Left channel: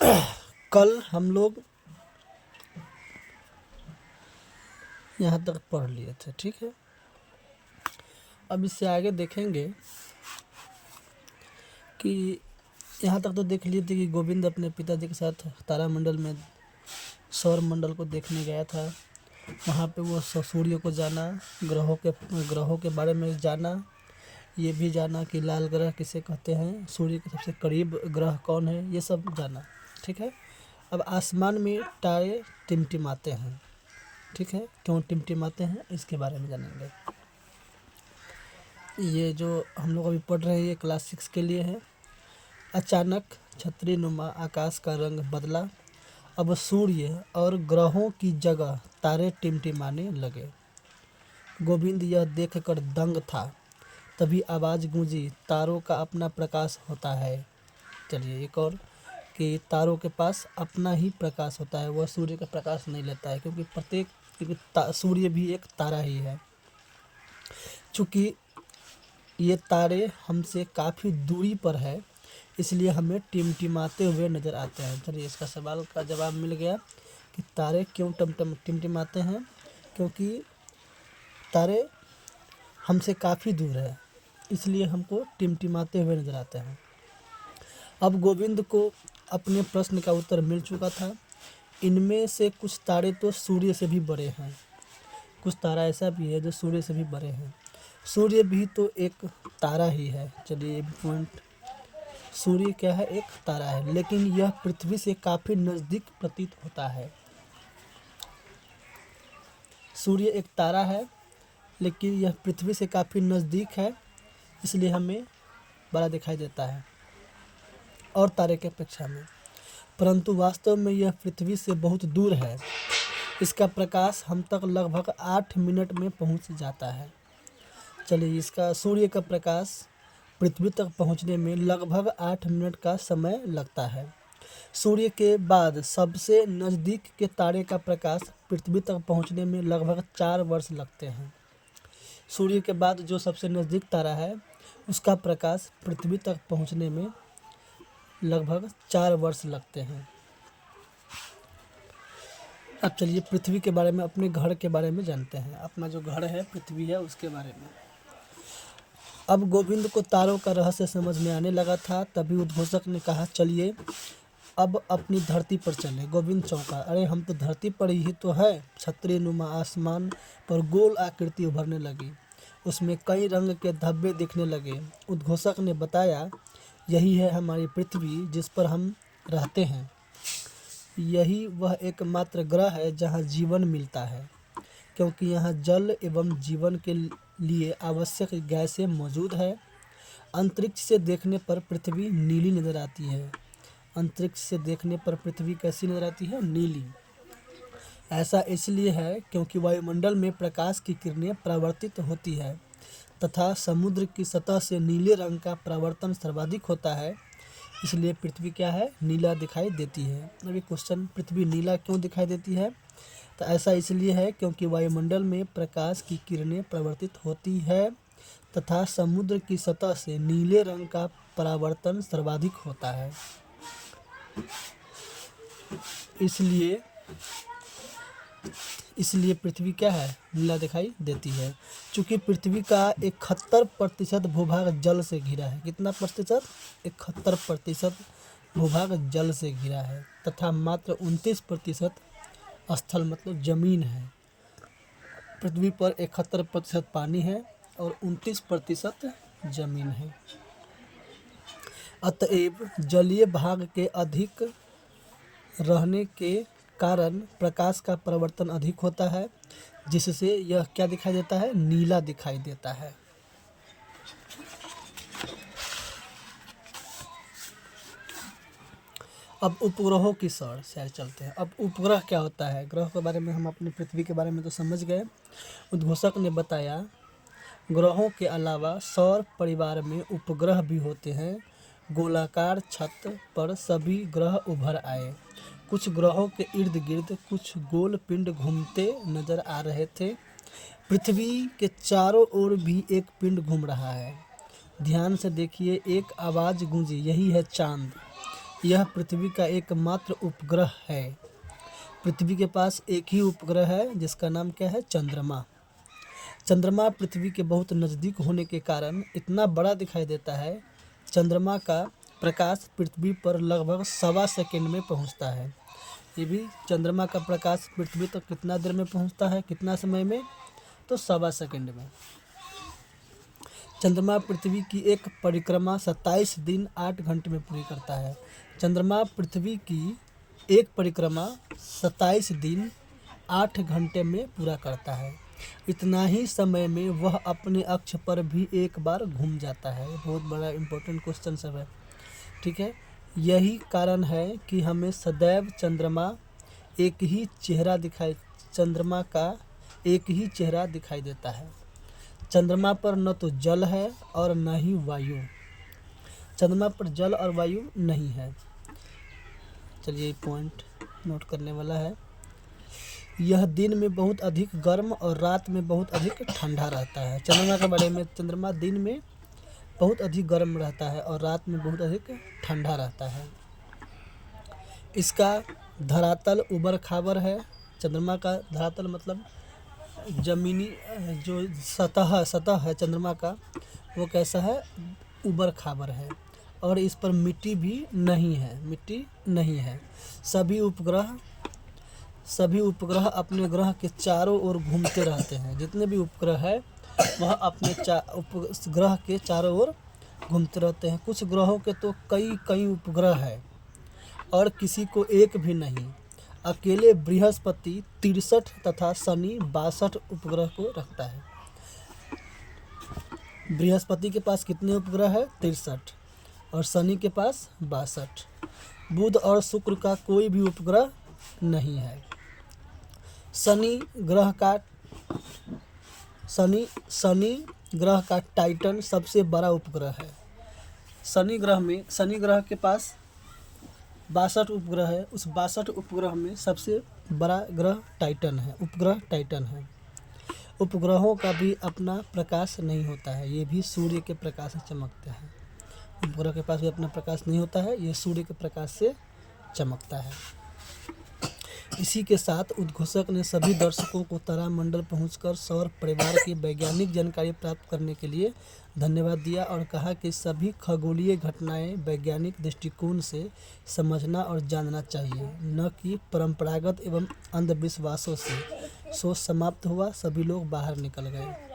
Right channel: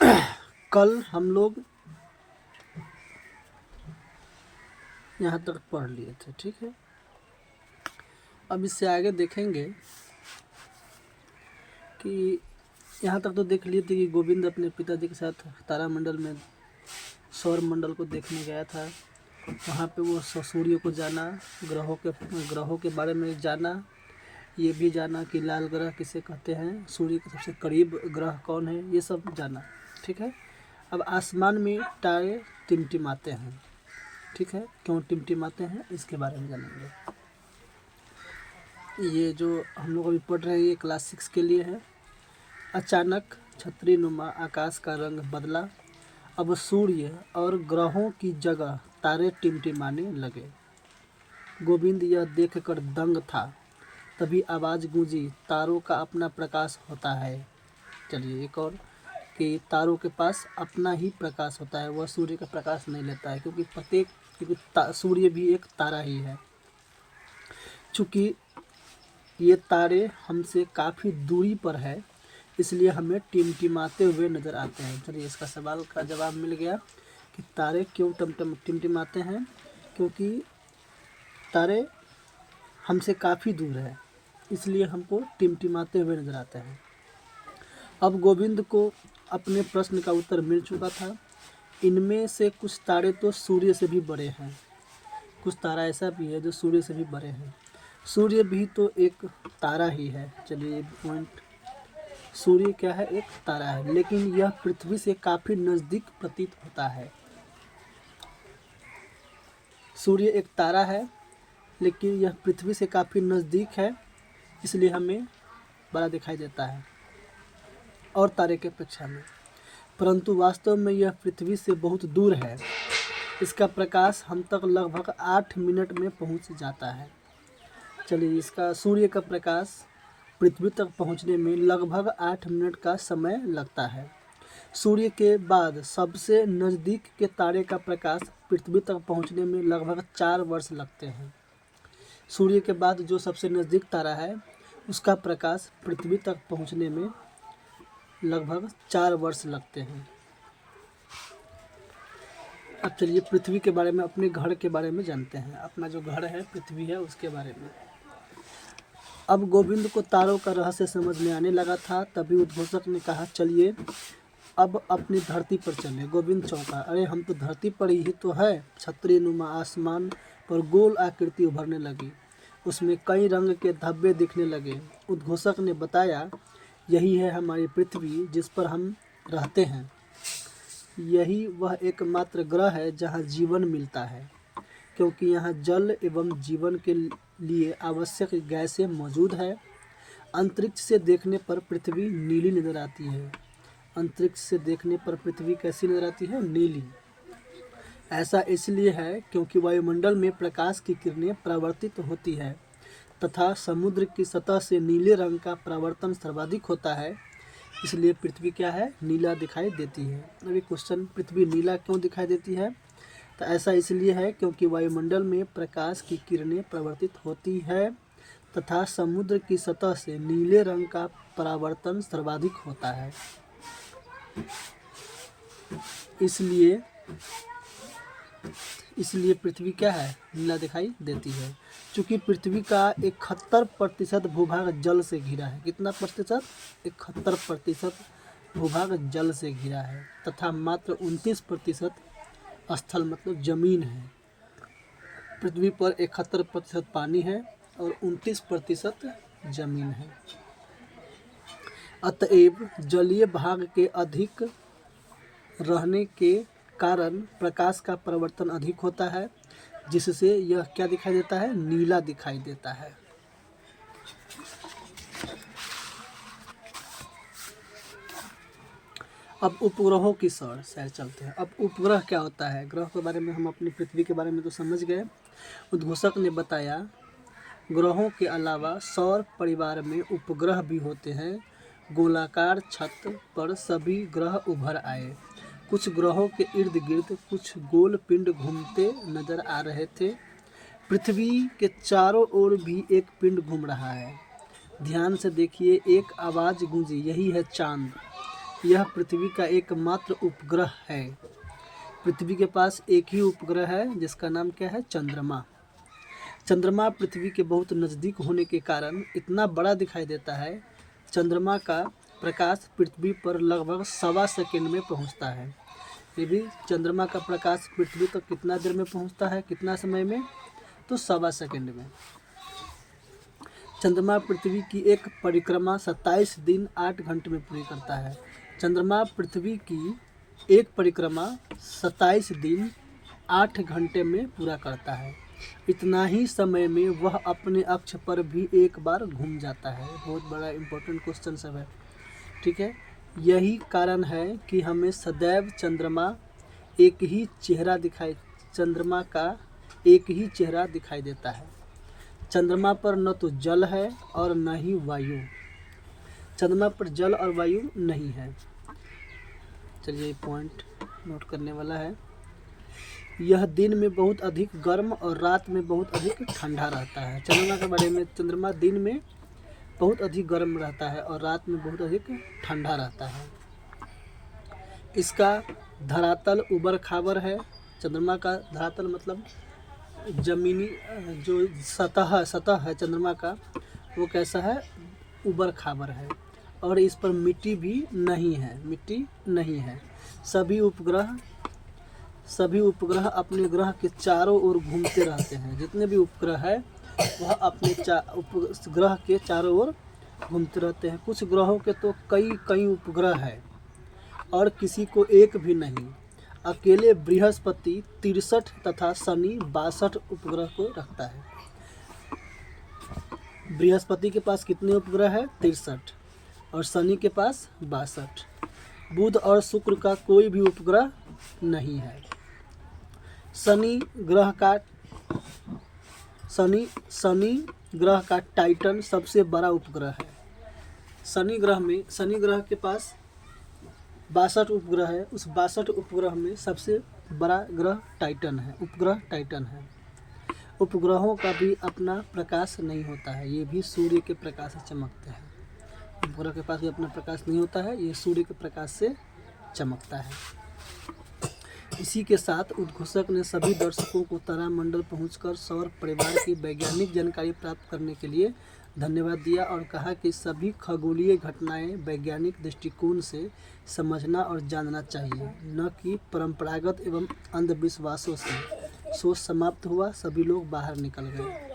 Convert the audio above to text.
कल हम लोग यहाँ तक पढ़ लिए थे, ठीक है। अब इससे आगे देखेंगे कि यहाँ तक तो देख लिए थे कि गोविंद अपने पिताजी के साथ तारामंडल में सौर मंडल को देखने गया था। वहाँ पे वो सूर्य को जाना, ग्रहों के बारे में जाना, ये भी जाना कि लाल ग्रह किसे कहते हैं, सूर्य के सबसे करीब ग्रह कौन है, ये सब जाना, ठीक है। अब आसमान में तारे टिमटिमाते हैं, ठीक है। क्यों टिमटिमाते हैं इसके बारे में जानेंगे। ये जो हम लोग अभी पढ़ रहे हैं ये क्लास 6 के लिए है। अचानक छतरी नुमा आकाश का रंग बदला। अब सूर्य और ग्रहों की जगह तारे टिमटिमाने लगे। गोविंद यह देखकर दंग था। तभी आवाज़ गूंजी, तारों का अपना प्रकाश होता है। चलिए एक और कि तारों के पास अपना ही प्रकाश होता है, वह सूर्य का प्रकाश नहीं लेता है, क्योंकि सूर्य भी एक तारा ही है। चूँकि ये तारे हमसे काफ़ी दूरी पर है, इसलिए हमें टिमटिमाते हुए नज़र आते हैं। चलिए इसका सवाल का जवाब मिल गया कि तारे क्यों टिमटिमाते हैं, क्योंकि तारे हमसे काफ़ी दूर है, इसलिए हमको टिमटिमाते हुए नज़र आते हैं। अब गोविंद को अपने प्रश्न का उत्तर मिल चुका था। इनमें से कुछ तारे तो सूर्य से भी बड़े हैं, कुछ तारा ऐसा भी है जो सूर्य से भी बड़े हैं। सूर्य भी तो एक तारा ही है। चलिए ये पॉइंट, सूर्य क्या है, एक तारा है, लेकिन यह पृथ्वी से काफ़ी नज़दीक प्रतीत होता है। सूर्य एक तारा है, लेकिन यह पृथ्वी से काफ़ी नज़दीक है, इसलिए हमें बड़ा दिखाई देता है और तारे के अपेक्षा में। परंतु वास्तव में यह पृथ्वी से बहुत दूर है। इसका प्रकाश हम तक लगभग 8 मिनट में पहुंच जाता है। चलिए इसका सूर्य का प्रकाश पृथ्वी तक पहुंचने में लगभग 8 मिनट का समय लगता है। सूर्य के बाद सबसे नज़दीक के तारे का प्रकाश पृथ्वी तक पहुंचने में लगभग 4 वर्ष लगते हैं। सूर्य के बाद जो सबसे नज़दीक तारा है उसका प्रकाश पृथ्वी तक पहुंचने में लगभग 4 वर्ष लगते हैं। अब चलिए पृथ्वी के बारे में, अपने घर के बारे में जानते हैं। अपना जो घर है पृथ्वी है उसके बारे में। अब गोविंद को तारों का रहस्य समझ में आने लगा था। तभी उद्घोषक ने कहा, चलिए अब अपनी धरती पर चले। गोविंद चौंका, अरे हम तो धरती पर ही तो है। छतरी नुमा आसमान पर गोल आकृति उभरने लगी, उसमें कई रंग के धब्बे दिखने लगे। उद्घोषक ने बताया, यही है हमारी पृथ्वी जिस पर हम रहते हैं। यही वह एकमात्र ग्रह है जहाँ जीवन मिलता है, क्योंकि यहाँ जल एवं जीवन के लिए आवश्यक गैसें मौजूद है। अंतरिक्ष से देखने पर पृथ्वी नीली नज़र आती है। अंतरिक्ष से देखने पर पृथ्वी कैसी नज़र आती है? नीली। ऐसा इसलिए है क्योंकि वायुमंडल में प्रकाश की किरणें परावर्तित होती है तथा समुद्र की सतह से नीले रंग का परावर्तन सर्वाधिक होता है, इसलिए पृथ्वी क्या है? नीला दिखाई देती है। अभी क्वेश्चन, पृथ्वी नीला क्यों दिखाई देती है? तो ऐसा इसलिए है क्योंकि वायुमंडल में प्रकाश की किरणें परावर्तित होती है तथा समुद्र की सतह से नीले रंग का परावर्तन सर्वाधिक होता है, इसलिए पृथ्वी क्या है? नीला दिखाई देती है। चूँकि पृथ्वी का 71% भूभाग जल से घिरा है। कितना प्रतिशत? 71% भूभाग जल से घिरा है तथा मात्र 29% स्थल मतलब जमीन है। पृथ्वी पर 71% पानी है और 29% जमीन है। अतएव जलीय भाग के अधिक रहने के कारण प्रकाश का परावर्तन अधिक होता है, जिससे यह क्या दिखाई देता है? नीला दिखाई देता है। अब उपग्रहों की सैर चलते हैं। अब उपग्रह क्या होता है? ग्रह के बारे में हम अपनी पृथ्वी के बारे में तो समझ गए। उद्घोषक ने बताया, ग्रहों के अलावा सौर परिवार में उपग्रह भी होते हैं। गोलाकार छत पर सभी ग्रह उभर आए। कुछ ग्रहों के इर्द गिर्द कुछ गोल पिंड घूमते नजर आ रहे थे। पृथ्वी के चारों ओर भी एक पिंड घूम रहा है। ध्यान से देखिए, एक आवाज़ गूंजी, यही है चांद। यह पृथ्वी का एकमात्र उपग्रह है। पृथ्वी के पास एक ही उपग्रह है जिसका नाम क्या है? चंद्रमा। चंद्रमा पृथ्वी के बहुत नज़दीक होने के कारण इतना बड़ा दिखाई देता है। चंद्रमा का प्रकाश पृथ्वी पर लगभग 1.25 सेकंड में पहुंचता है। ये भी चंद्रमा का प्रकाश पृथ्वी तक कितना देर में पहुंचता है, कितना समय में? तो 1.25 सेकंड में। चंद्रमा पृथ्वी की एक परिक्रमा 27 दिन 8 घंटे में पूरी करता है। चंद्रमा पृथ्वी की एक परिक्रमा 27 दिन 8 घंटे में पूरा करता है। इतना ही समय में वह अपने अक्ष पर भी एक बार घूम जाता है। बहुत बड़ा इम्पोर्टेंट क्वेश्चन सब है, ठीक है। यही कारण है कि हमें सदैव चंद्रमा का एक ही चेहरा दिखाई देता है। चंद्रमा पर न तो जल है और न ही वायु। चंद्रमा पर जल और वायु नहीं है। चलिए पॉइंट नोट करने वाला है। यह दिन में बहुत अधिक गर्म और रात में बहुत अधिक ठंडा रहता है। चंद्रमा के बारे में, चंद्रमा दिन में बहुत अधिक गर्म रहता है और रात में बहुत अधिक ठंडा रहता है। इसका धरातल उबड़ खाबड़ है। चंद्रमा का धरातल मतलब जमीनी जो सतह है चंद्रमा का, वो कैसा है? उबड़ खाबड़ है। और इस पर मिट्टी नहीं है। सभी उपग्रह अपने ग्रह के चारों ओर घूमते रहते हैं। जितने भी उपग्रह है वह अपने ग्रह के चारों ओर घूमते रहते हैं। कुछ ग्रहों के तो कई उपग्रह है और किसी को एक भी नहीं। अकेले बृहस्पति 63 तथा शनि 62 उपग्रह को रखता है। बृहस्पति के पास कितने उपग्रह है? 63 और शनि के पास 62। बुध और शुक्र का कोई भी उपग्रह नहीं है। शनि ग्रह का टाइटन सबसे बड़ा उपग्रह है। शनि ग्रह के पास 62 उपग्रह है। उस 62 उपग्रह में सबसे बड़ा उपग्रह टाइटन है। उपग्रहों का भी अपना प्रकाश नहीं होता है, ये भी सूर्य के प्रकाश से चमकते हैं। उपग्रह के पास भी अपना प्रकाश नहीं होता है, ये सूर्य के प्रकाश से चमकता है। इसी के साथ उद्घोषक ने सभी दर्शकों को तारामंडल पहुंचकर सौर परिवार की वैज्ञानिक जानकारी प्राप्त करने के लिए धन्यवाद दिया और कहा कि सभी खगोलीय घटनाएं वैज्ञानिक दृष्टिकोण से समझना और जानना चाहिए, न कि परंपरागत एवं अंधविश्वासों से। शो समाप्त हुआ, सभी लोग बाहर निकल गए।